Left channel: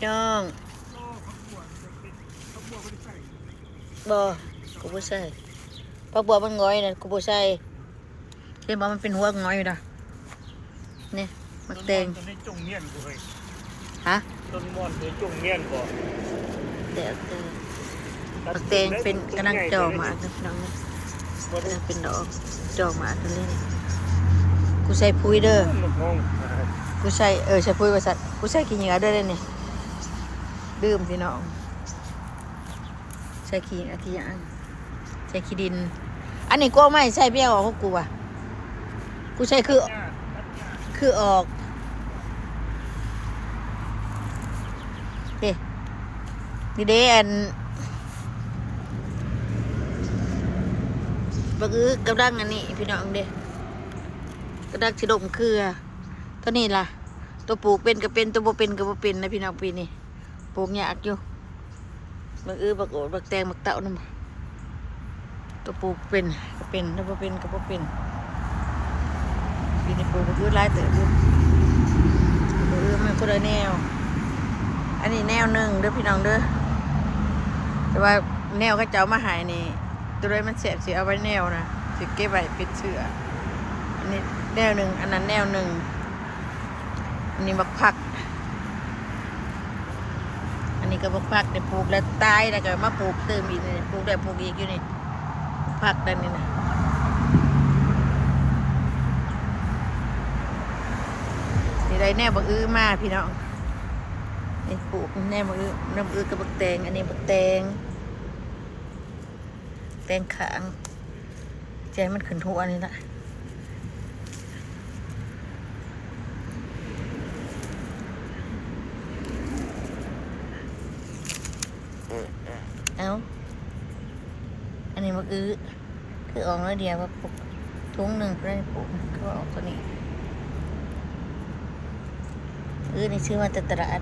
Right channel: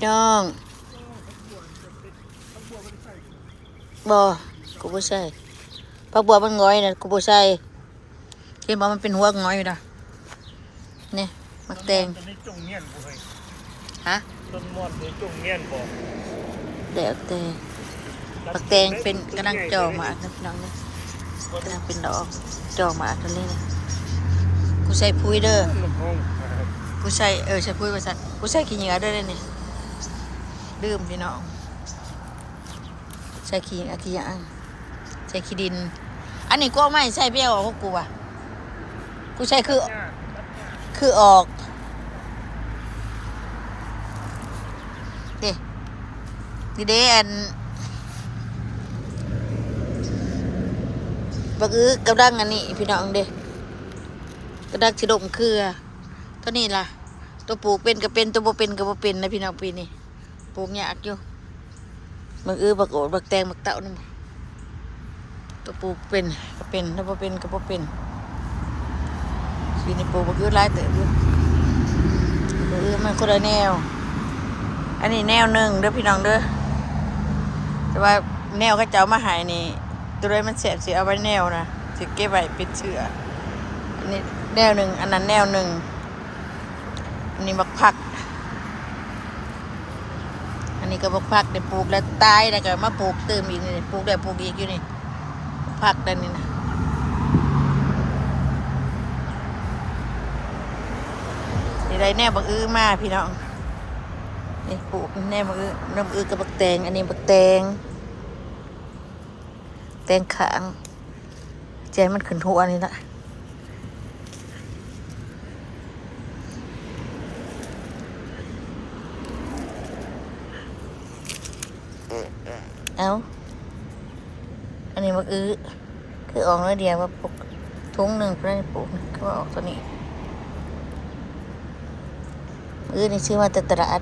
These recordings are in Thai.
พี่น้องบ่กูบ่ใส่ผักบัวมันง้อยนะกูบ่ใส่เห็นบ่มันเป็นหัวง้อยอยู่นะนี่มักแตงฮะต้นม่อนเป็นจุ่มเงี้ยนบ่เดี๋ยวแต่มักแตงเป็นกำลังจ่อมาอันนะพี่น้องนะกำลังเป็นดอกจ่อมาอันนี้กูใส่ปุ๋ยเด้อกูใส่ใส่ปุ๋ยว่าซั่นกูใส่ขี้เหงื่อเด้อนี่ดื่มพี่น้องใส่ขี้เหงื่อใส่ขี้ดินอันนี้กูไม่ใส่เบี้ยออกของกูอ่ะกูใส่คือออกเด้นี่เด้อันบักกำลังอันนี้พี่น้องเด้กำลังสิดมเครือตัวนี้ล่ะตัวปลูกเป็นก็เป็นตัวบ่เป็นก็บ่เป็นนะพี่น้องปีนี้ปลูกยากอยู่บักบักโอดบักแตงบักเต้านั่นตัวปลูกเป็นก็เป็นถ้าบ่เป็นก็บ่เป็นปีนี้ปลูกบักหลายเติบอยู่บักมันคนละแนวอันนี้แนวหนึ่งเด้อพี่น้องเด้อแต่ว่าแนวเขาเจ้ามาหายนี่ตัวใดมันแสบสิเอาไว้แนวนะสิเก็บไว้ปิดเชื้ออันนี้แนวหนึ่งอันนั้นแนวหนึ่งอันนี้บักผักอันนี้ก็บักผักได้ปลูกแล้วตายแล้วก็มาปลูกเติมอีกนี่ปลูกได้ปลูกอีกอยู่นี่ผักด้านนี้นะนี่ได้แนวบักมาพี่น้องนี่ปลูกแนวบักน้ำกับบักแตงอันนี้บักแตงขางใจมันขึ้นหัวนี่ละเอาอันนี้มันคือออกน้อยเดียวว่าปลูกทุ่งหนึ่งเพื่อนปลูกก็ออกตัวนี้นี่ซื้อมาแต่ตลาด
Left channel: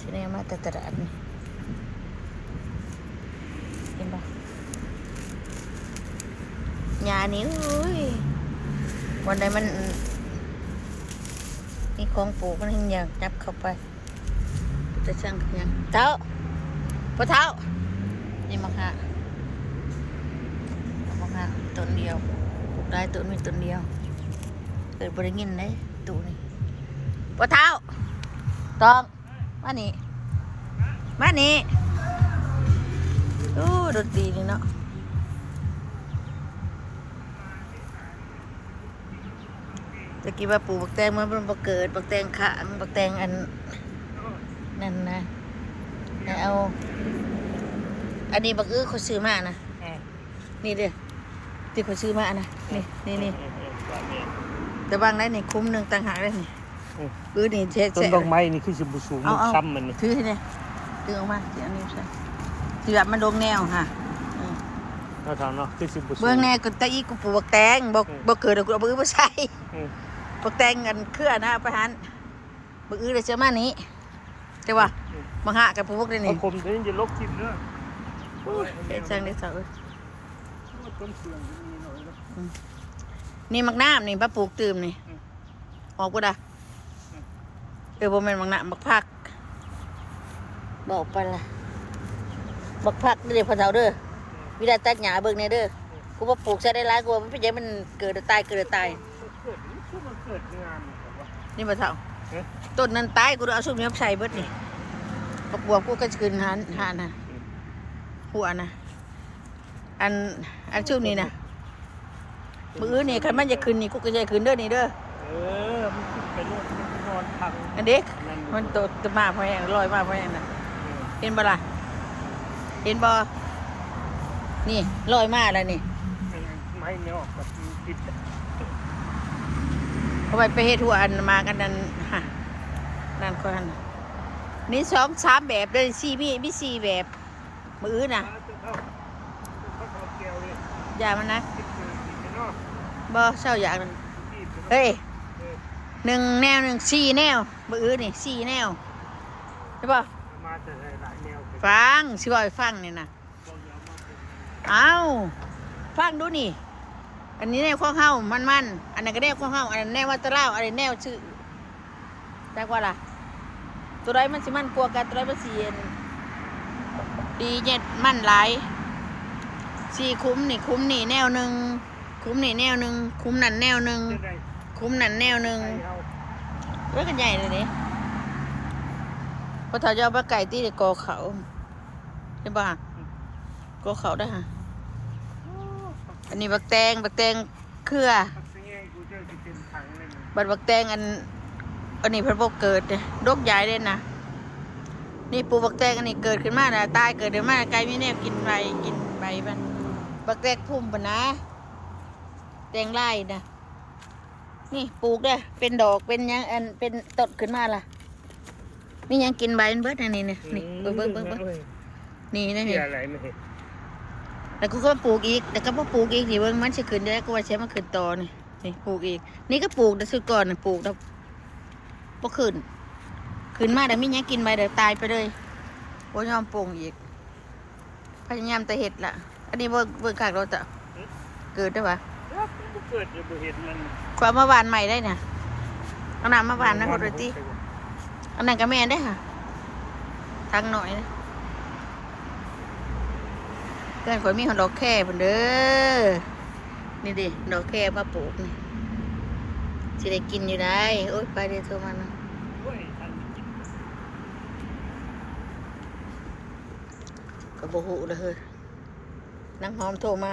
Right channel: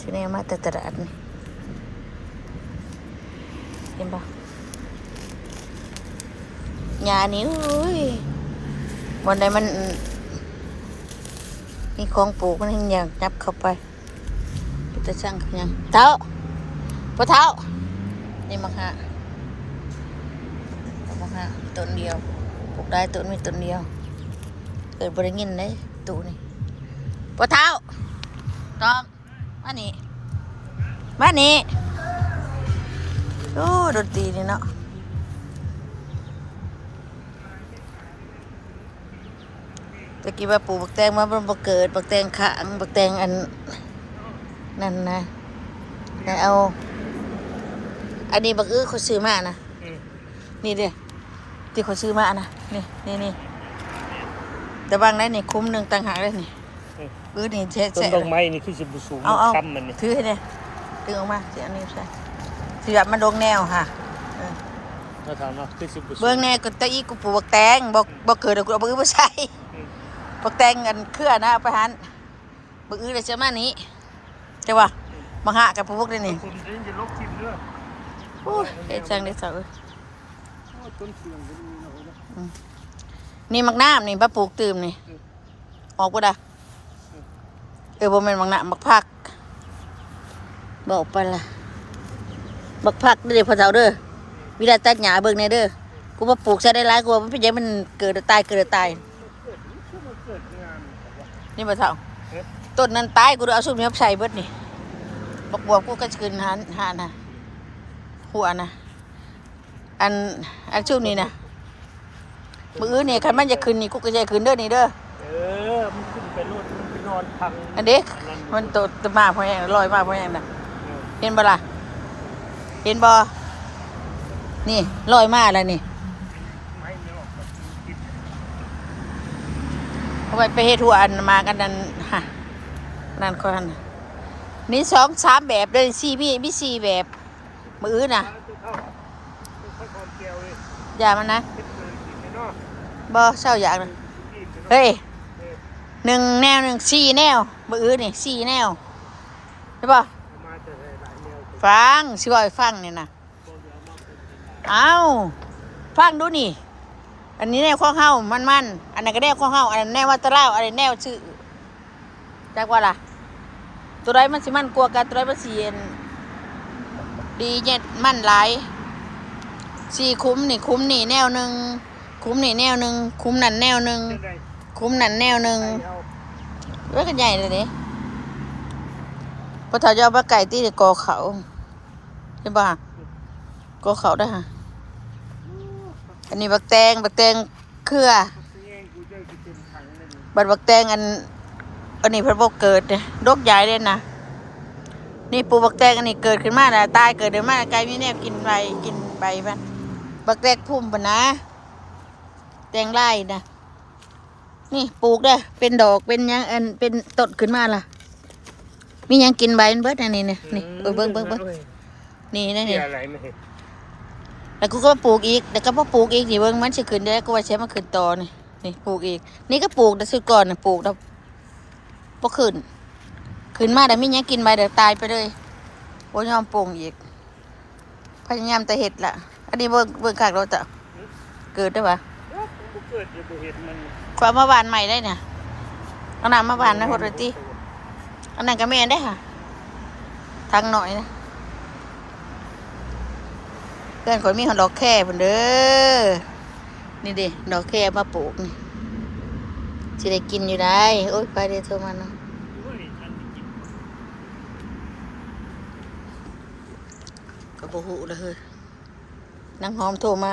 ที่นี่มาแต่ตลาดเห็นปะยานี้วันใดมันนี่ของปลูกมันยังยับเข้าไปกูจะช่างเขายังเท้าปะเท้านี่มักฮะต้นเดียวปลูกได้ต้นมีต้นเดียวเกิดบริเงินเลยตูนี่ปะเท้าตองมานี่โอ้ดนตรีนี่เนาะตะกี้ว่าปลูกบักแตงมาเป็นบักเกิดบักแตงขางบักแตงอันนั่นนะแล้วเอาอันนี้บักเขาซื้อมานะนี่ดิที่เขาซื้อมานะนี่แต่บางได้นี่คุ้มหนึ่งต่างหากเลยนี่นี่เช็ดต้นดอกไม้นี่คือสิบสูงซ้ำมันนี่ถือเนี่ยถือออกมาถืออันนี้ใช่ถือแบบมันดงแนวค่ะเบื้องแนวก็ตะอีกูปลูกบักแตงบักเกิดกูเอาบักใส่บักแตงกันเครือนะประหารบักเลยเชื่อมานี้ใช่ป่ะมาหากับพวกนี้นี่ผมจะลบทิมด้วยโอ้ยเด็ดจังเด็ดจังเลยนี่มักน้ำนี่ป้าปลูกตื่มนี่ออกปุ๊ดะบ่แม่นมักน้ำมักผักบอกไปละมักผักเดี๋ยวพอเจ้าเด้อวิธีตัดหญ้าเบิ่งในเด้อกูมาปลูกใช้ได้หลายกว่ามันเป็นยังมันเกิดตายนี่มาเท่าต้นนั้นตายกูเอาซุ่มนี้ใส่เบิดนี่ปักบัวกูก็คืนหานะหัวนะอันซุ่มนี้นะมือนี่คันมันจะคืนนี่กูก็จะคืนเด้อนี่เด้อมันขึ้นเป็นรูปนอนพังอันเด็กมันตัวมาเพราะอย่างลอยมาเพราะอย่างน่ะเห็นบ่ล่ะเห็นบ่นี่ลอยมาแล้วนี่ไม้เนี่ยออกกับติดเอาไปเฮ็ดหัวอันมากันนั่นฮะนั่นคนนี่2-3แบบเลยมี4แบบมือน่ะอย่ามันนะบ่เศร้าอย่างนึงเฮ้ย1 แนว 4 แนวมือนี่4 แนวใช่ป่ะฟังสิว่าฟังนี่นะเอาฟังดูนี่ อันนี้แนวข้องเฮามันอันนั้นก็แนวข้องเฮาอันนั้นแนววัตะเล่าอันนี้แนวชื่อจักว่าล่ะตัวใดมันสิมันกลัวกันตัวใดมันสิเย็นดีเนี่ยมันหลายสี่คุ้มนี่แนวหนึ่งคุ้มนี่แนวหนึ่งคุ้มนั่นแนวหนึ่งคุ้มนั่นแนวหนึ่งเว้ยกันใหญ่เลยนี่พอถ้าจะเอาปลาไก่ตีกอเขาใช่ป่ะกอเขาได้ฮะอันนี้บักแตงเครือบักแตงอันนี้พระบกเกิดเนี่ยดกใหญ่เลยนะนี่ปลูกบักแตงอันนี้เกิดขึ้นมาตายเกิดเดี๋ยวมาไก่มีแนบกินใบมันบักแตงพุ่มปะนะแตงไร่นะนี่ปลูกเด้อเป็นดอกเป็นยังเป็นต้นขึ้นมาล่ะมียังกินใบมันเบิดอันนี้นี่เบิ้งนี่นั่นนี่แล้วกูก็ปลูกอีกแล้วก็พอปลูกอีกนี่เบิ้งมันจะขึ้นได้ก็ว่าใช้มาขึ้นต่อนี่ปลูกอีกนี่ก็ปลูกแต่สุดก่อนปลูกแล้วพอขึ้นมาแต่มียังกินใบเดี๋ยวตายไปเลยโอ้ยอมปลูกอีกพยายามแต่เห็ดละอันนี้เบิ้งขากเราจะเกิดได้ปะความมาบานใหม่ได้เนี่ยเอาน้ำมาบานนะโหดเลยตีอันนั้นก็แม่ได้ค่ะทางหน่อยนะเพื่อนข่อยมีดอกแค่เพิ่นเด้อนี่ดิดอกแค่มาปลูกนี่สิได้กินอยู่ได้โอ้ยไปเดี๋ยวโทรมาเนาะก็บ่ฮู้เลยเฮ้ยนางหอมโทรมา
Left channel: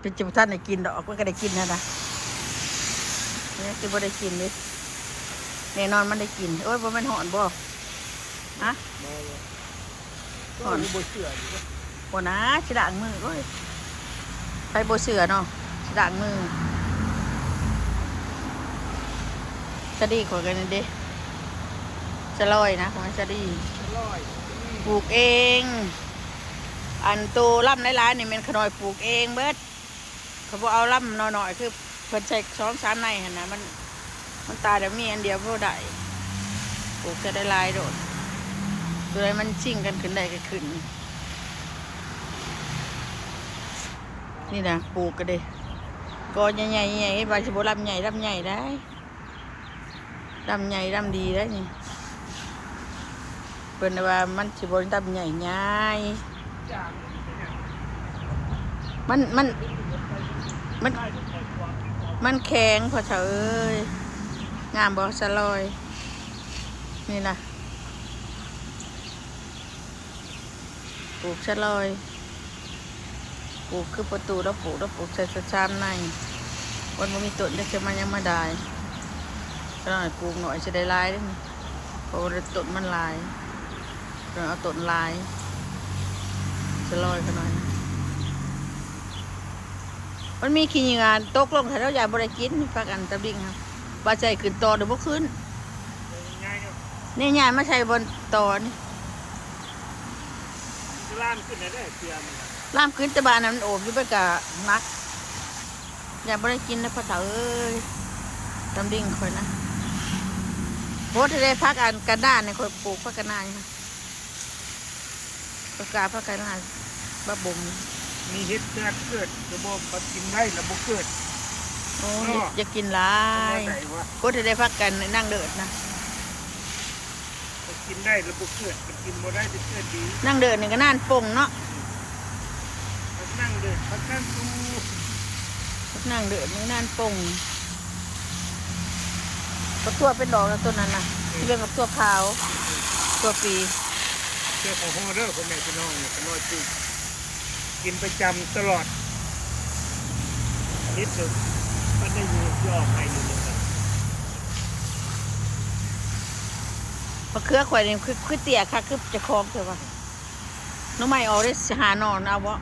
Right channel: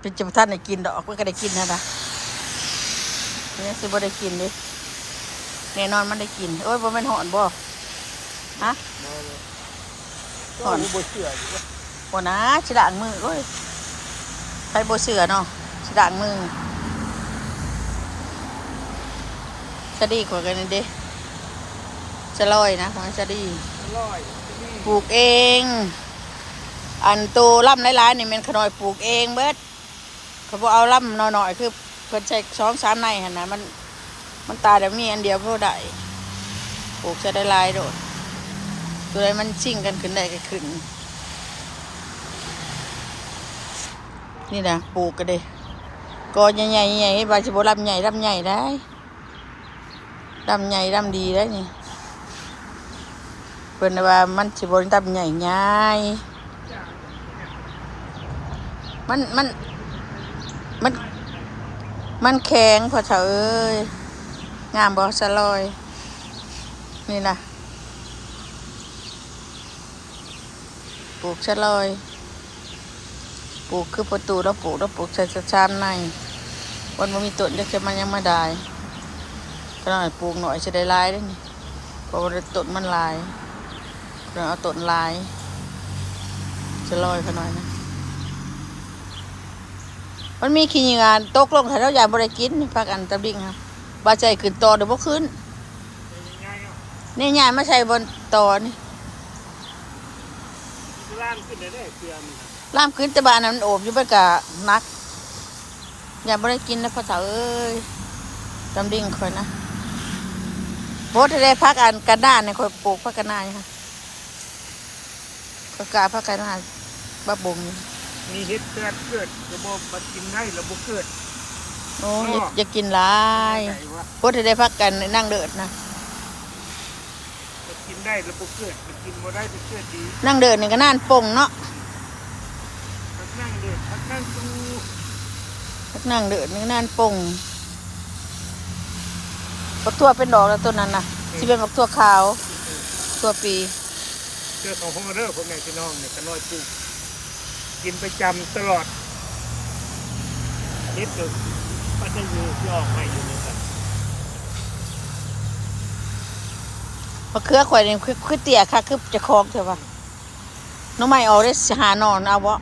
เป็นจำท่านได้กินดอกก็ได้กินนะเนี่ยสิบ่ได้กินดิแน่นอนมันได้กินโอ้ยบ่แม่นหอนบ่ฮะหอนบ่นะสิล้างมือโอ้ยใครบ่เสือเนาะสิล้างมือสะดีขอกันเด้สะลอยนะของสะดีปลูกเองอันโตล่ำหลายๆนี่มันขนอยปลูกเองเบิดเขาบอกเอาล่ำน้อยๆคือเพิ่นใช้2-3 ในหั่นนะมันตายแต่มีอันเดียวพอได้ปลูกจะได้ลายโดดตัวใดมันชิ่งกันขึ้นได้ก็ขึ้นนี่นะปลูกกันเลยกอใหญ่ๆบาชิโบลำใหญ่ได้ลำใหญ่ลำดีได้นี่เพิ่นว่ามันชิโบลำใหญ่ง่ายมันแข็งพอเถอะเอ้ยงามบ่สลอยนี่นะปลูกสลอยปลูกคือประตูแล้วปลูกใส่ชามในวันมันมีต้นเล็กจะมันยังมาได้ก็หน่อยปลูกหน่อยจะได้ลายได้นี่เพราะว่าต้นมันลายเราเอาต้นลายสลอยเขาหน่อยนะมันมีขี้เหงื่อตกลงถ้าเราอยากบริกินพักอันตะบิงครับบาใจขึ้นต่อเดี๋ยวบ่ขึ้นนี่ง่ายไม่ใช่บนต่อนี่ล่ามขึ้นได้เกลือมันล่ามขึ้นแต่บ้านนั้นมันโอบอยู่ไปกะนักอย่าบริกินแล้วพ่อสาวเอ้ยตะบิงคอยนะโบทะเลพักอันกระด้านเนี่ยคอยปลูกพักกระนายค่ะก็กาพักกระนายบะบุมมีเห็ดแก่เกิดระบบปัดกินได้ระบบเกิดโอ้ยจะกินหลายโคตรได้พักกันนั่งเดิดนะปัดกินได้ระบบเกิดปัดกินบ่ได้จะเกิดดีนั่งเดิดนี่ก็น่านป่งเนาะปัดนั่งเดิดปัดนั่งตูพักนั่งเดิดนี่น่านป่งปักทั่วเป็นดอกแล้วต้นนั้นนะที่เป็นปักทั่วขาวตัวปีเจ้าของห้องเด้อคนไหนคุณน้องเนี่ยก็น้อยปลูกกินประจำตลอดนิดหนึ่งก็จะอยู่ที่ออกมาอยู่เลยกันมะเขือข่อยนี่คือเตี้ยค่ะคือจะคล้องใช่ปะน้องใหม่ออกได้หานอนเอาวะ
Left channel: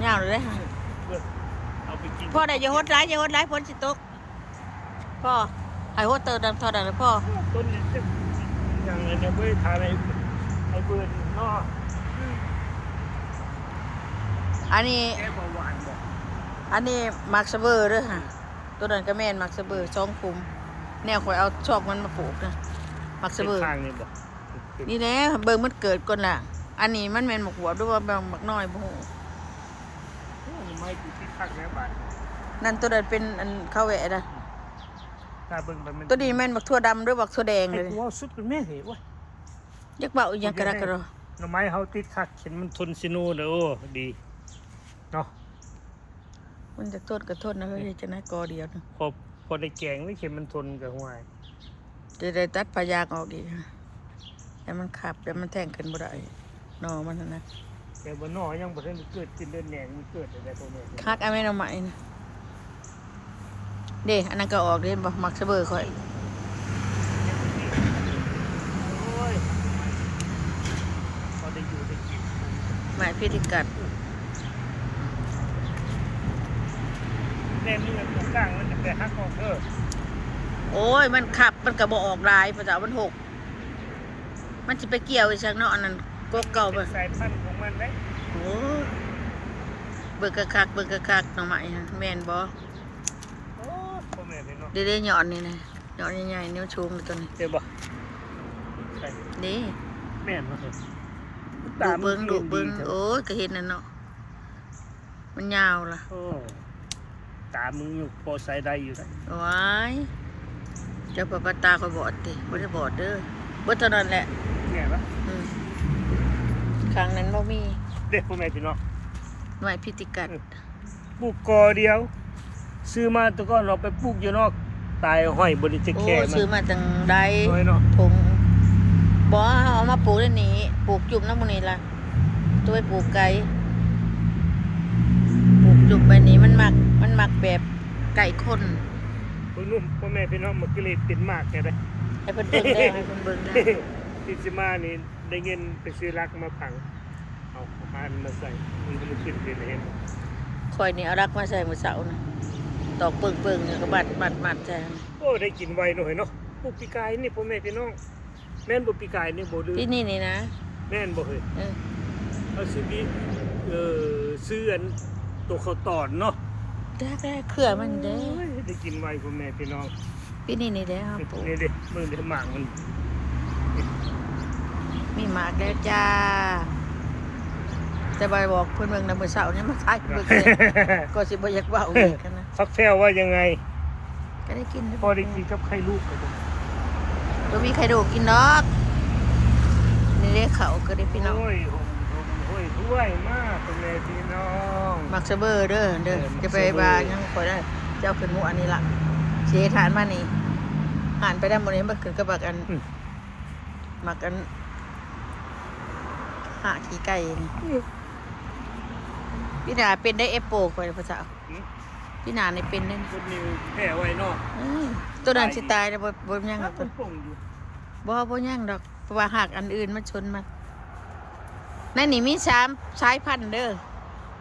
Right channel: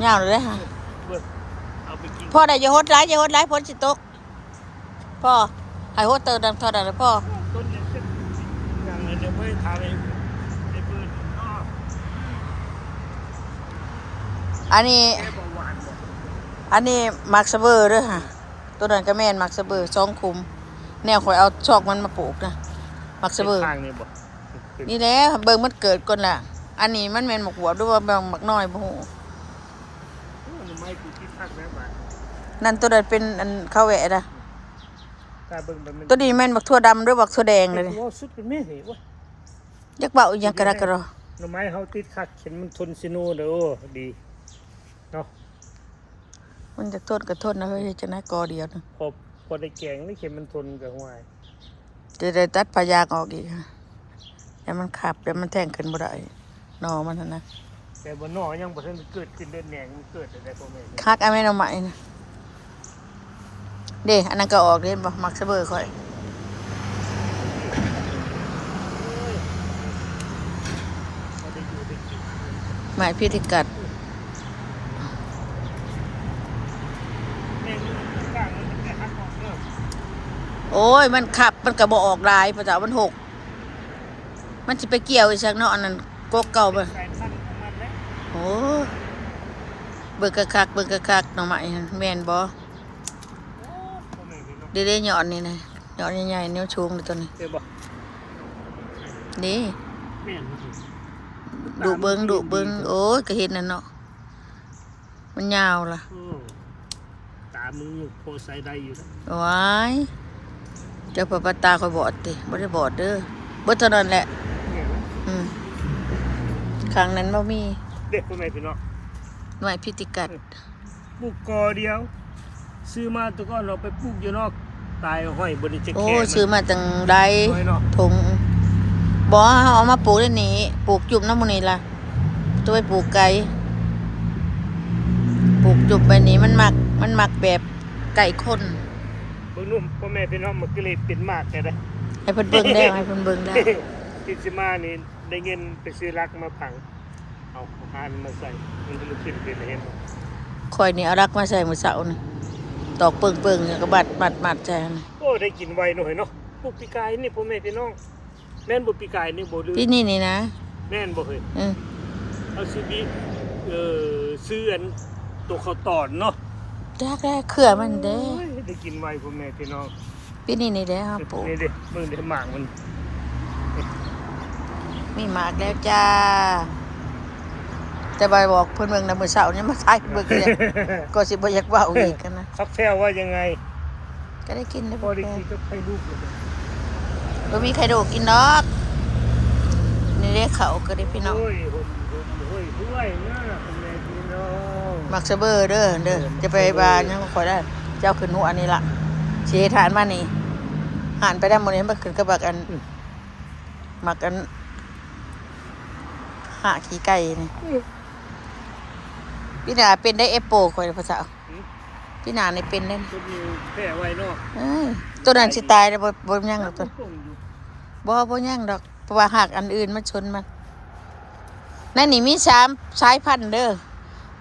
เงาเลยค่ะพ่อได้ยาฮดไล่พ้นสิตกพ่อหายฮดเติมดังทอดอะไรพ่อต้นนี้อย่างนี้เนี่ยไม่ทานอะไรไอ้เบิร์นท่ออันนี้มักสเบอร์ด้วยค่ะตัวนั้นก็แม่นมักสเบอร์2 คุมแนวข่อยเอาชอกมันมาปลูกนะมักสเบอร์ เป็น นี่แหละเบิ่งมันเกิดก่อนล่ะอันนี้มันแม่นหมกบวบหรือว่าหมกน้อยบ่ฮู้ โอ้ยไม้กูที่พักแล้วบาท นั่นตัวนั้นเป็นอันข้าวแหวะนะ ถ้าเบิ่งไปมัน ตัวนี้แม่นบักทั่วดำหรือบักทั่วแดงเลย ไอ้กูสุดเป็นแม่เหรอวะ ยักเบาอีหยังกระดกกระดอ หน่อไม้เฮาติดคักเห็นมันทนซินูเด้อโอ้ดีเนาะ มันจะโทษก็โทษนะเฮ้ยจะนะกอเดียวนะ พอได้แกงไม่เข็มมันทนกับหัว จะได้ตัดพยางออกอีกฮะแต่มันขับแต่มันแทงขึ้นบ่ได้หนอมันนั่นนะ แต่บนนอกยังบ่ทันเกิดขึ้นเดินแหน่งมันเกิดอะไรพวกนี้ คักเอาแม่นเอาใหม่นะเด้อันนั้นก็ออกเด้บ่มักซะเบอร์ค่อย โอ้ยพอได้อยู่ได้กิน หมายพิธีกัด แม่นี่มันตรงกลางมันจะแต่ฮักออกเด้อ โอ้ยมันขับมันก็บ่ออกลายพระเจ้ามันหกมันสิไปเกี่ยวอีกสักเนาะอันนั้นกกเก่า เป็ บ่ นสายพันธุ์ของมันเลย โอ้เบิ่งกะคักเบิ่งกะคักหน่อไม้หั่นแม่นบ่ โอ้ยพ่อแม่พี่น้อง เด้ๆหย่อนนี่นะหย่อนใหญ่ๆนิ้วชูงนี่ตัวนี้ เจ็บบ่ใช่ นี่ แม่นบ่ครับ ดุเบิ่งดุเบิ่งโอ้ยก็เห็นนั่นเนาะมันยาวล่ะ เออตามึงอยู่พอใส่ได้อยู่นะ ว้ายเจ้าปะตาคอยบอดติบ่ได้บอดเด้อบ่เท่านั้นแหละ แม่ปะ อืมครั้งนั้นบ่มี เด็กพ่อแม่พี่น้อง หน่วยพิธีกัด ปลูกกอเดียว ซื้อมาแตะก้อนเราไปปลูกอยู่นอกตายห้อยบริจิต โอ้ แค่ ซื้อมาจังใด น้อยเนาะ ถุงบ่เอามาปลูกได้นี่ปลูกจุ่มน้ำมื้อนี้ล่ะตัวไปปลูกไก่ปลูกจุ่มไปนี้มันมักแบบไก่คน เบิ่งนุ่มพ่อแม่พี่น้องมันก็เลยเป็นมากแค่นั้น ให้เพิ่นเบิ่งได้ให้เพิ่นเบิ่งได้ ที่สิมานี่ได้เงินไปซื้อรักมาผังเอาอาหารมาใส่มันก็เลยขึ้นเป็นเห็นบ่ ข่อยนี่เอารักมาใส่มื้อเช้านี่ตอกเปิงๆแล้วก็บัดใจนะ โอ้ได้กินไวหน่อยเนาะปลูกปีกายนี่พ่อแม่พี่น้องแม่นบ่ปีกายนี่บ่ลืม ที่นี่นี่นะ แม่นบ่เคย อือ เอาซื้อบีซื้ออันตัวข้าวตอนเนาะ จักได้เครือมันเด้ โอ้ยได้กินไวพ่อแม่พี่น้อง ปีนี้นี่เด้อครับปู่ นี่เด้มึงเด้หมากมัน มีหมากแล้วจ้า แต่บ่บอกเพิ่นเบิ่งนำมื้อเช้านี่มาขายเบิ่งเลยก็สิบ่อยากเว้าอีกกันนะ ครับแท้ว่ายังไง ก็ได้กินได้ พอได้กินกับไข่ลูกเลย บ่มีใครดูกินดอกนี่เด้เขาก็ได้พี่น้อง โอ้ยโอ้ยรวยมากพ่อแม่พี่น้อง มักซะเบอร์เด้อจะไปบายังขอยได้เจ้าขึ้นหัวอันนี้ล่ะสิให้ทานมานี่หานไปได้มื้อนี้มันขึ้นกับบักอันมักอันหาขี้ไก่นี่พี่นาเป็นได้เอฟโปข่อยภาษาพี่นานี่เป็นได้ ต้นนิ้วแพ้ไว้เนาะ ตัวนั้นสิตายแล้วบ่ย่างดอกตัว ป่งอยู่ บ่ย่างดอกเพราะว่าหากอันอื่นมันชนมันนั่นนี่มี3สายพันธุ์เด้อ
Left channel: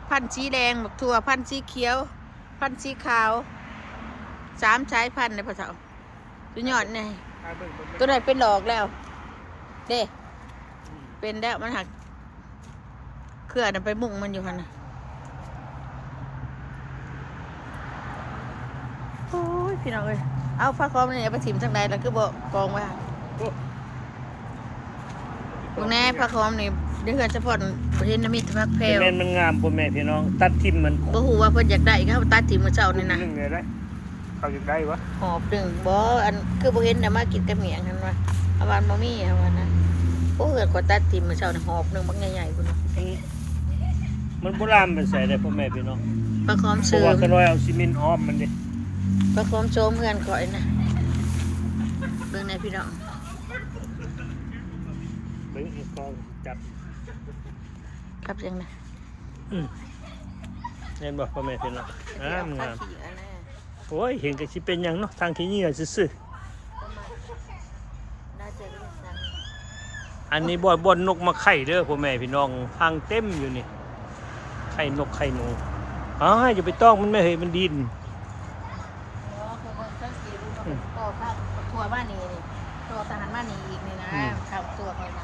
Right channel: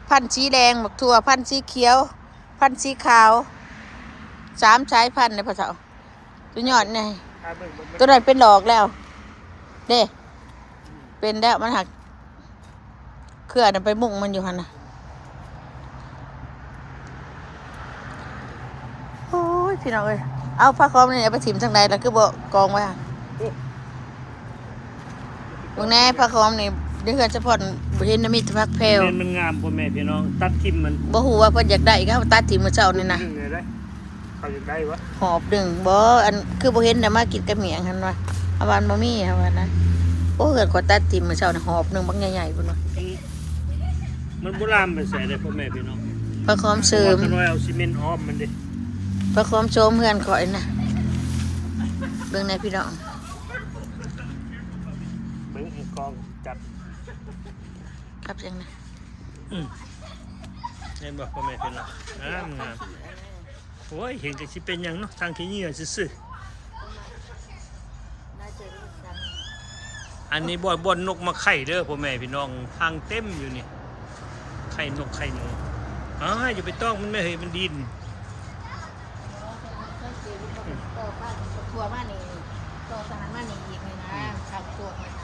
พันธุ์สีแดงบักทั่วพันธุ์สีเขียว พันธุ์สีขาว3สายพันธุ์ในภาษาตัวยอดนี่ตัวนั้นเป็นดอกแล้วเด้เป็นแล้วมันหักเครือน่ะไปมุ่งมันอยู่หั่นน่ะโอ้ยพี่น้องเอ้ยเอาผ้าคอมนี่เอาไปถิ่มทางใดแล้วคือบ่กองไว้อะเบิ่งแน่ผ้าคอมนี่เดือนเฉพาะบ่เห็นมีแต่พักแพรว แม่นมันงามพ่อแม่พี่น้องตัดทิ่มมัน บ่ฮู้ว่าเพิ่นอยากได้ก็ตัดถิ่มมื้อเช้านี่นะ ยิ่งไงได้เขาจะได้วะ หอบดึงบ่อันคือบ่เห็นน่ะมากินกับเมียงหั่นว่าเอาวานบ่มีเอาว่านะโอ้เกิดกว่าตัดถิ่มมื้อเช้านี่หอบหนึงบักใหญ่ๆพุ่นน่ะ มันโบราณไปใส่เลยพ่อแม่พี่น้อง ผ้าคอม เพราะ ซื้อ ว่าก็น้อยเอาซีเมนต์อ้อมมันดิ ผ้าคอมโชมเพื่อนข่อยน่ะเบิ่งแน่พี่น้อง เบิ่งอีกกองจับ ครับจังนะ เห็นบ่พ่อแม่พี่น้องงามโอ้ยเห็นก็สิเป็นหยังเนาะทางขี้เหงื่อซื่อ น่าจะเป็นสัน ๆอันนี้บ่อนนกมาไข่เด้อพ่อแม่พี่น้องทางเต็มอยู่นี่ไข่นกไข่หนูอย่าไปต้องมันไม่เห็นมันดิน ทัวบ้านนี้ตัวทหารบ้านนี้อีกนี่นะข่าวตัวคอยนะ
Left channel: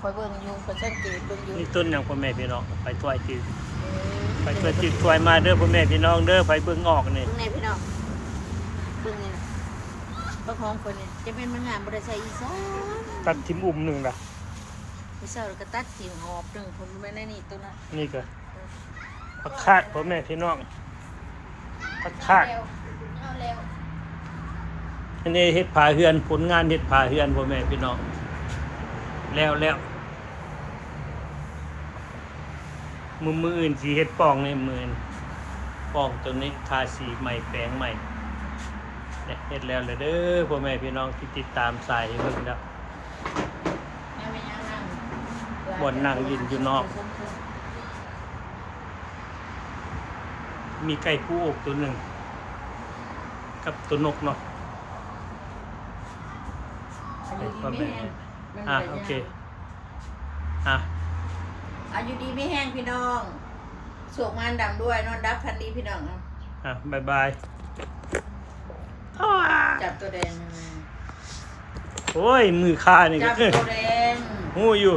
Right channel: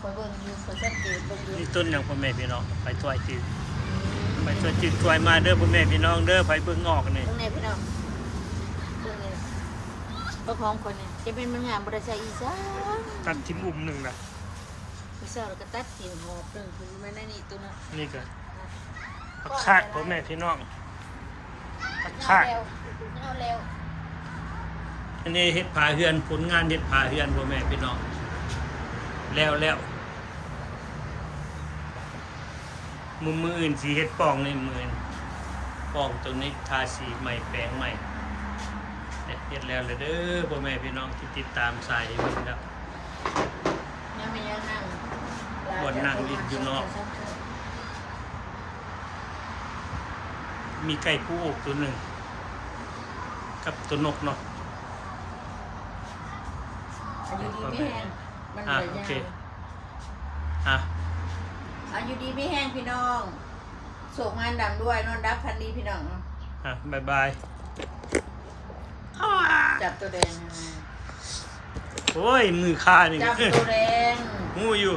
คอยเบิ่งยุงคนสังเกตเบิ่งอยู่ นี่ต้นหยังพ่อแม่พี่น้องไปถ้วยจืดไปถ้วยจืดถ้วยมาเด้อพ่อแม่พี่น้องเด้อไปเบิ่งออกนี่ เบิ่งไหนพี่น้องเบิ่งนี่นะ บักหอมคนนี้จะเป็นมันงามบ่ได้ใส่อีสาน ตัดทิมอุ่มหนึ่งล่ะ ผู้สาวแล้วก็ตัดกิ่งหอบหนึงคนไม่ได้นี่ตัวนั้น นี่ก็ผักคาดพ่อแม่พี่น้องผักคาด เอาเร็ว อันนี้เฮ็ดผาเฮือนผลงานเฮ็ดผาเฮือนพ่อแม่พี่น้องแล้วมืออื่นสีเฮ็ดปองในมืออื่นปองตัวนี้ทาสีใหม่แปลงใหม่เนี่ยเฮ็ดแล้วเลยเด้อพ่อแม่พี่น้องที่ติดตามสายเบิ่งแล้ว นั่งไม่ยังนั่ง บ่นนั่งยินอยู่นอก มีไก่ผู้อกตัวหนึ่งกับตัวนกเนาะพ่อแม่โอเคอยู่ดีไม่แห้งพี่น้องโศกงานดังด้วยนอนดับพันดีพี่น้อง บ๊ายบาย จับตัวแดง โอ้ยมือข้านี่ จับตัวแดง หูอยู่